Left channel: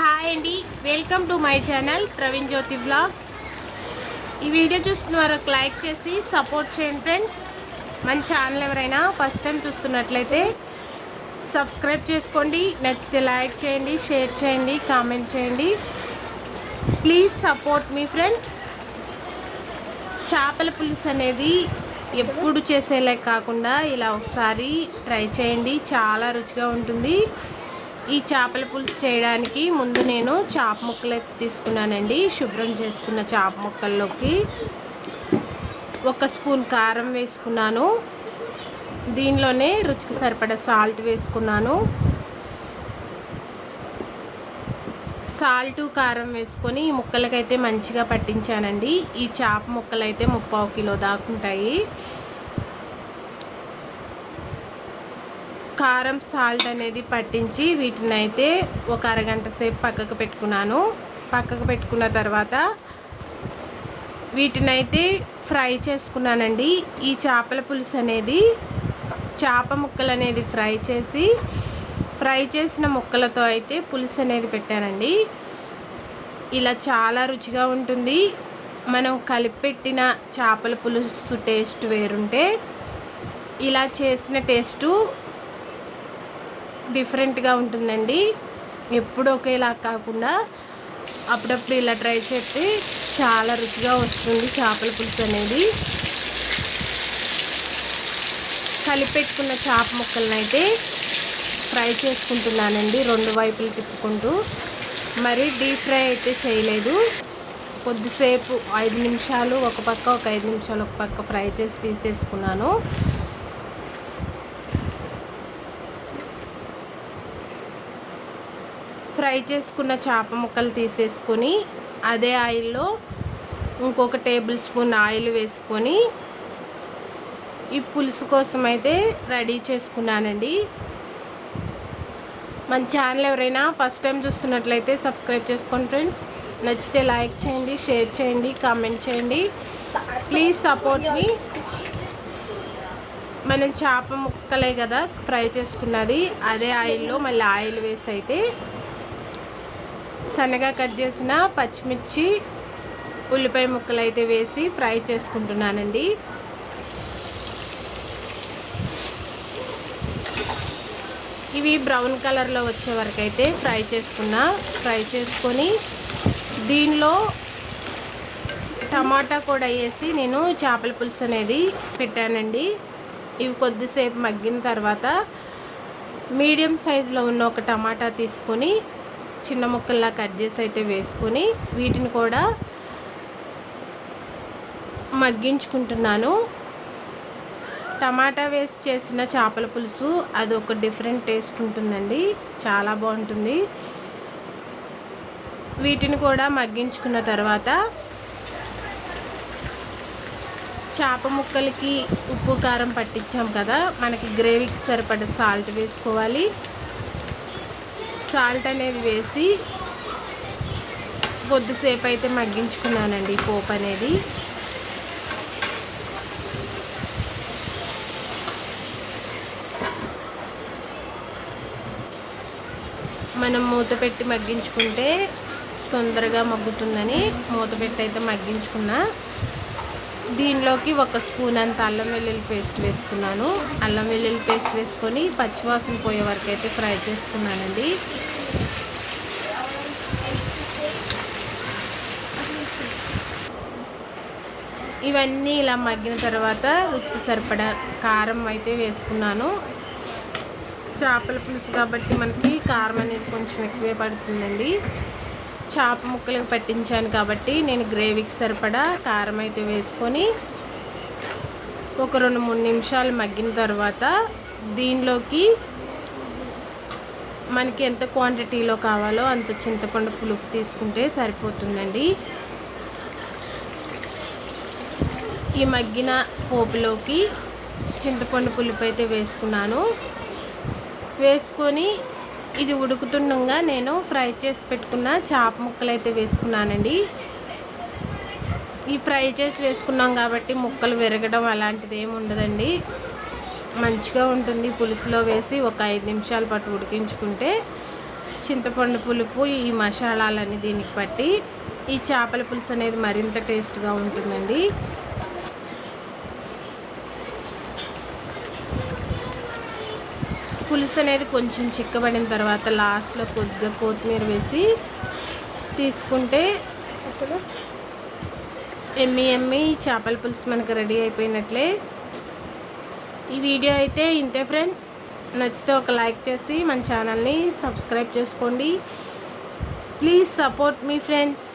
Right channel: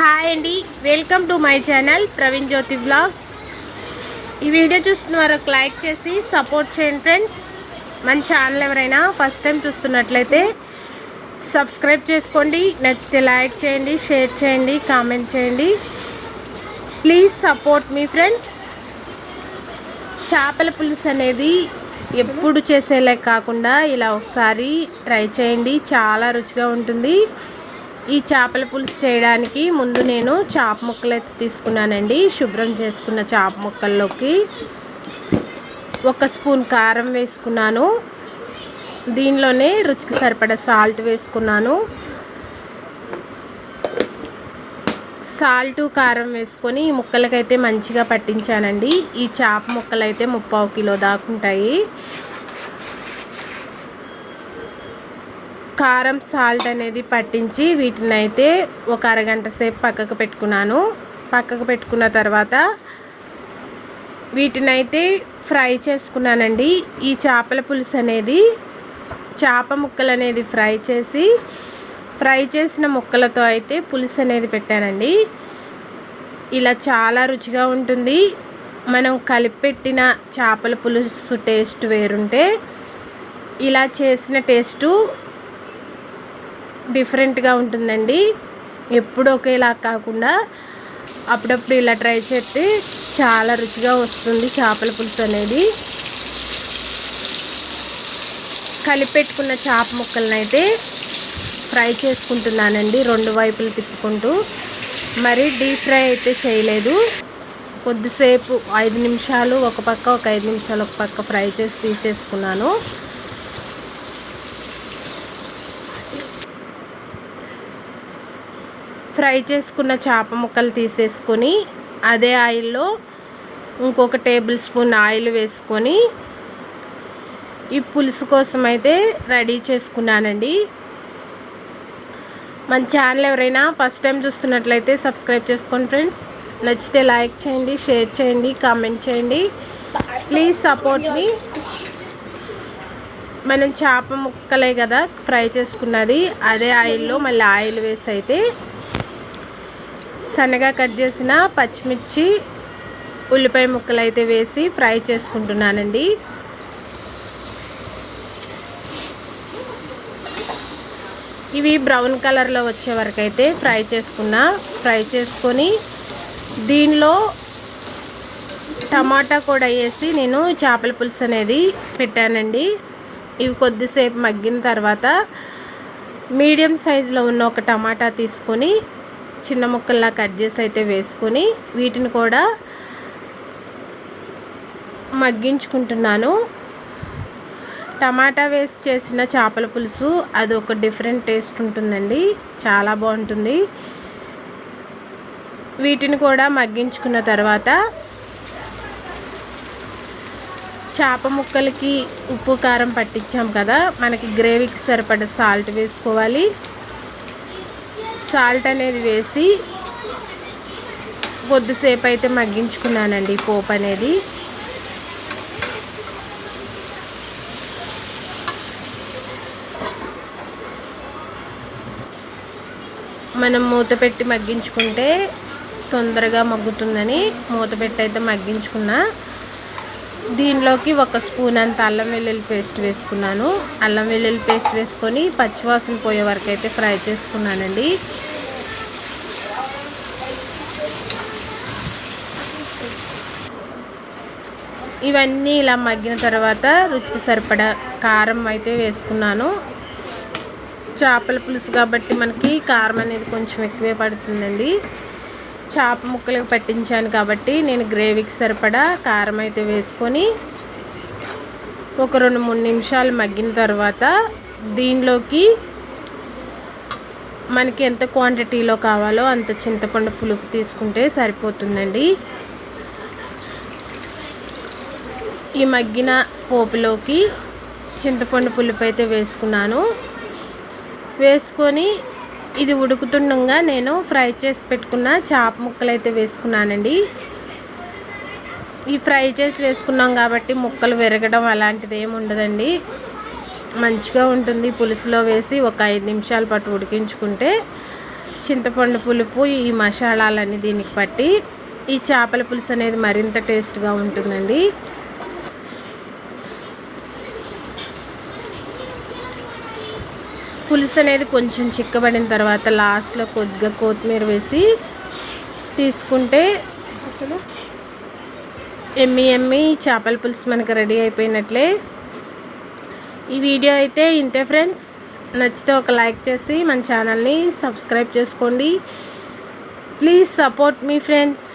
Hi అండి, welcome to my channel Praveen Jyothi blogs. ఈ video చూస్తున్న వారు లైక్ చేసి సపోర్ట్ చేయండి ఫ్రెండ్స్. మన ఛానల్ ఎవరైనా ఫస్ట్ టైం చూస్తున్నట్లయితే సబ్స్క్రైబ్ చేసుకోండి. నచ్చితే లైక్ చేయండి, షేర్ చేయండి, కామెంట్ చేయండి. Please support me friends. చేపల పులుసు అనేది ఎప్పుడు చేసేలా కాకుండా ఇలా ఒకసారి ట్రై చేయండి, చాలా రుచిగా ఉంటుంది. ఈ చేపల పులుసు చేయడానికి ముందు నేను చేప ముక్కలు అయితే తీసుకున్నానండి. శుభ్రం చేసుకున్న చేప ముక్కల్లోకి 1 స్పూన్ కారం వేసుకున్నాను. దీనిలోనే రుచికి సరిపడా సాల్ట్ వేసుకున్నాను. సాల్టు కారం వేసుకొని ఈ ముక్కలకైతే మంచిగా పట్టించానండి. ఈ చేప ముక్కలు అయితే 3/4 కిలో దాకా ఉంటాయి. కారం సాల్ట్ అనేది పట్టించి వీటిని అయితే ఒక అరగంట సేపు పక్కకు పెట్టుకున్నాను. పక్కకు పెట్టుకున్న తర్వాత వీటిని అయితే ఫ్రై చేసుకున్నానండి. ఈ చేపల పులుసు అనేది చేప ముక్కలు అనేది ఫ్రై చేసిన ముక్కలతో అయితే పులుసు అనేది పెట్టానండి. ఇలా చాలా రుచిగా ఉంటుంది. మనం కలిపెట్టిన చేపల పులుసు టేస్ట్ వేరుంటే ఇలా చేసిన టేస్టు డిఫరెంట్గా ఉంటుందండి. ఎప్పుడు ఒకేలా కాకుండా అప్పుడప్పుడు ఇలా ట్రై చేస్తే చాలా రుచిగా వస్తుంది చేపల పులుసు అనేది. కలిపెట్టుకున్న చేప ముక్కలను అయితే ఫ్రై చేసుకుంటున్నానండి, 2 వైపులు తిప్పుకుంటూ. మరి డీప్ ఫ్రై అయితే చేయలేదు. కొద్దిసేపు 5 నిమిషాలు ఒక పక్క, ఒక 5 నిమిషాలు ఒక పక్క ఫ్రై చేసి తీసేసుకున్నాను. ఫ్రై చేసుకున్న చేప ముక్కలు తీసేసుకొని అదే ఆయిల్లో ఇంకొక టేబుల్ స్పూన్ ఆయిల్ వేసుకొని ఈ పులుసు కోసం అయితే రెడీ చేసుకున్నానండి. మన ఛానల్ ఎవరైనా ఫస్ట్ టైం చూస్తున్నట్లయితే సబ్స్క్రైబ్ చేసుకోండి ఫ్రెండ్స్. నచ్చితే లైక్ చేయండి, షేర్ చేయండి, కామెంట్ చేయండి. ప్లీజ్ సపోర్ట్ మీ. మనం చేప ముక్కలే కదా ఫ్రై చేసుకున్నది, అదే ఆయిల్లో మళ్ళీ ఆయిల్ వేసి అయితే సన్నగా కట్ చేసిన పచ్చిమిర్చి, ఉల్లిపాయ ముక్కలు అయితే వేసి ఫ్రై చేసుకుంటున్నానండి. ఇవి బ్రౌన్ కలర్లో వచ్చే వరకు అయితే ఫ్రై చేసుకొని దీనిలో టమాటా కూడా వేసి నేను చేపల పులుసు అనేది పెట్టానండి. ఇవి కొద్దిసేపు మగ్గిన తర్వాత మీడియం సైజులో ఉన్న ఒక టమాటా తీసుకొని చిన్న ముక్కల్లా కట్ చేసి అయితే వేసుకొని వీటిని కూడా మగ్గించుకుంటున్నాను. టమాటా వేసి చేసిన చేపల పులుసు అది ఒక డిఫరెంట్ టేస్ట్ ఉంటుందండి, చాలా బాగుంటుంది. వీటిని కూడా మగ్గించుకున్న తర్వాత చేప ముక్కలకి ఉప్పు కారం పట్టించాం కదా, మనకి గ్రేవీకి సరిపడా సాల్ట్ వేసుకోవాలి. సాల్ట్ అనేది వేసి కొద్దిసేపు అయితే మగ్గించుకున్నానండి పోపు అనేది. మనం మూత పెట్టి మగ్గించుకుంటే తొందరగా మగ్గుతుందని మూత పెట్టి అయితే మగ్గించుకున్నా. దీనిలోకి 1 స్పూన్ అంత అల్లం వెల్లుల్లి పేస్ట్ వేసుకున్నాను. అల్లం వెల్లుల్లి పేస్ట్ వేసుకొని పచ్చివాసన పోయే వరకు అయితే ఫ్రై చేసుకున్నానండి. ఇవన్నీ ఇలా మగ్గిన తర్వాత రుచికి సరిపడా కారం అయితే వేసుకున్నాను. చేపల పులుసు కాబట్టి మనకి కారం అనేది కొంచెం ఎక్కువే పడుతుందండి. చేప ముక్కలకు పట్టించాను కాబట్టి నేను గ్రేవీకి సరిపడా కారం అయితే వేసుకొని ఒక 2-3 నిమిషాలు మగ్గిన తర్వాత దీనిలోకి మనకి ఎంత క్వాంటిటీలో కావాలో అంత చింతపండు పులుపు తీసుకుంటే సరిపోతుందండి. ఈ మగ్గిన పోపులోకి చింతపండు పులుపు అయితే వేసుకున్నాను. వేసుకొని ఇది ఉడుకుతుండగా నేను ఫ్రై చేసి పెట్టుకున్న చేప ముక్కలు అయితే వేసుకున్నానండి. ఈ ఫ్రై చేసి వేసుకున్నాం కాబట్టి ముక్కలు విరగడం అలాంటిది ఏమి ఉండదండి, మంచిగా ఉంటుంది. పులుసులో వేసి ఒక 5 నిమిషాల పాటు ఉడికించుకుంటే చింతపండు పులుపు, ఈ మసాలాలన్నీ దీనికి పట్టి ఈ చేపల పులుసు అనేది మరింత టేస్ట్గా ఉంటుందండి. పులుసు అనేది కొంచెం చిక్కబడిన తర్వాత లాస్ట్లో కొద్దిగా కొత్తిమీర వేసి తీసుకుంటే అసలు ఎమ్మి చేపల పులుసు మనకు రెడీ అయిపోయినట్లే. ఈ వీడియో అయితే ఇంతే ఫ్రెండ్స్. నచ్చితే ఒక లైక్ చేసి మన ఛానల్ని సబ్స్క్రైబ్ చేసుకోండి. Please support me friends.